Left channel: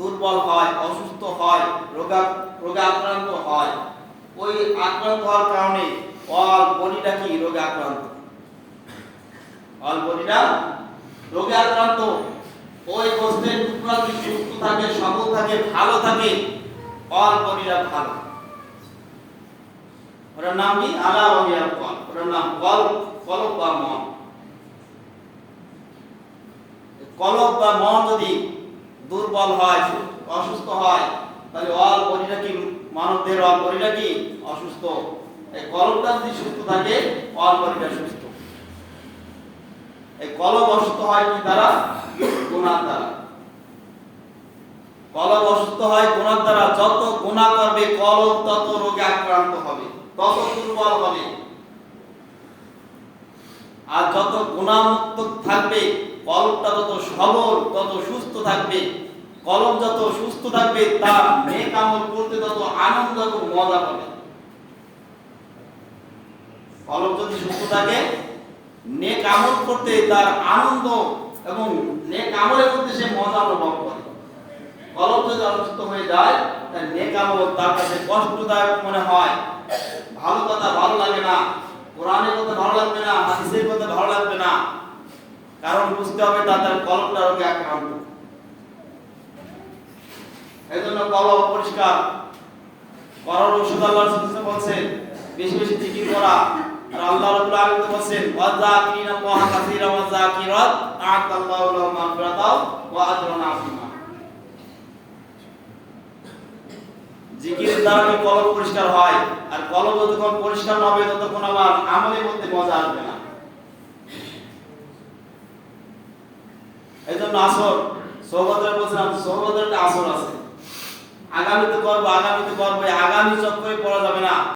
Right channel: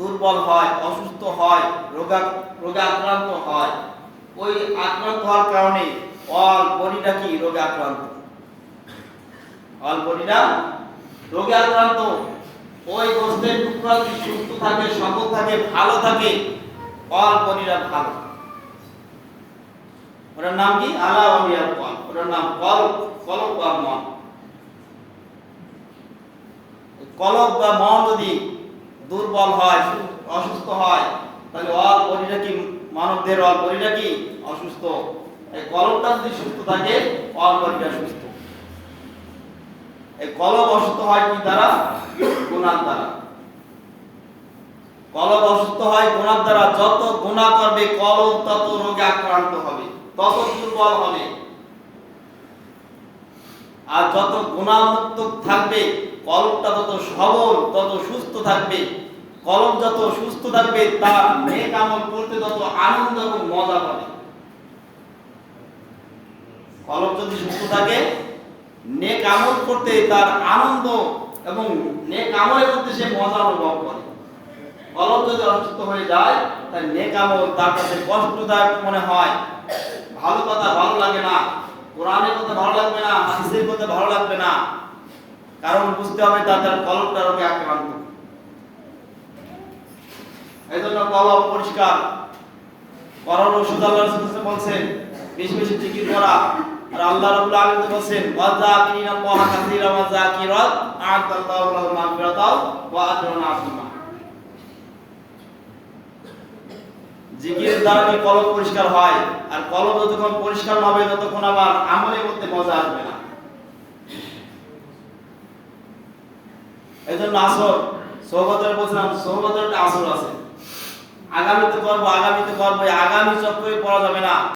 দুর্বল হয়, অসুস্থ হয়, রোগা রোগে আক্রান্ত হয়। ওই আক্রান্ত হওয়ার কারণে অল বডিটা কি? রোগে আক্রান্ত অল বডিটা রোগে আক্রান্ত ওই গোস্তের টুকরা যদি সুস্থ থাকে, সবল থাকে, ভালো থাকে? অল বডিটা ভালো। ওটার নাম কি? আলা ওয়াহিয়াল কল ওটার নাম কল কলব বা মন। কলব বা মন যদি দুর্বল হয়, অসুস্থ হয়, তাহলে অল বডিটা কি মানবদের অল বডিটা কি? অসুস্থ। এই কলবটা যদি সুস্থ থাকে অল বডিটা সুস্থ। এই কলব অসুস্থ হয় কি দ্বারা? গুণার দ্বারা। কলব অসুস্থ হয় গুণার দ্বারা। যত গুণা করবে কলব তত রোগে আক্রান্ত হবে, তত দুর্বল হবে। আর যত গুণামুক্ত থাকবে কলবটা তত সবল, তত সুস্থ থাকবে, কলম যত সুস্থ থাকবে, তার নেক আমল করতে তত আনন্দ এবং মজা পাবে। কলম যদি সুস্থ থাকে, নেক আমল করতে তার আনন্দ এবং নেক আমলের মধ্যে সে মজা অনুভব করে। কলম যদি অসুস্থ হয়ে যায়, তার নেক আমল তার কাছে কষ্টদায়ক মনে হয়। ভালো কথা ভালো লাগে না। কোরআনের কথা ভালো লাগবে না, হাদিসের কথা ভালো লাগবে না। কারণ বুঝতে হবে তার কলমটা রোগে আক্রান্ত। এই জন্য কলম পরিষ্কার করার ওষুধ আল্লাহ বলছেন, বেশি বেশি জিকির করা। আর আল্লাহ রাব্বুল আলামিন বলছেন ওয়াযাকিরিনা আল্লাহ কাসীরা ওয়া যাকিরাত আ'তাল্লাহু লাহুম মাগফিরাতাও ওয়া আজরান আযীমা। জিকিরের দ্বারা কি কলম পরিষ্কার হয়, আর কলম যতক্ষণ পরিষ্কার না হবে ততক্ষণ আবার আমলের মধ্যে মজা আসবে না। এই জন্য আসর সৌগতের বলছিলাম একটা আসর আছে। আগামীতে করব আগামীতে করব আগামী চক্করে পড়া যাবে না।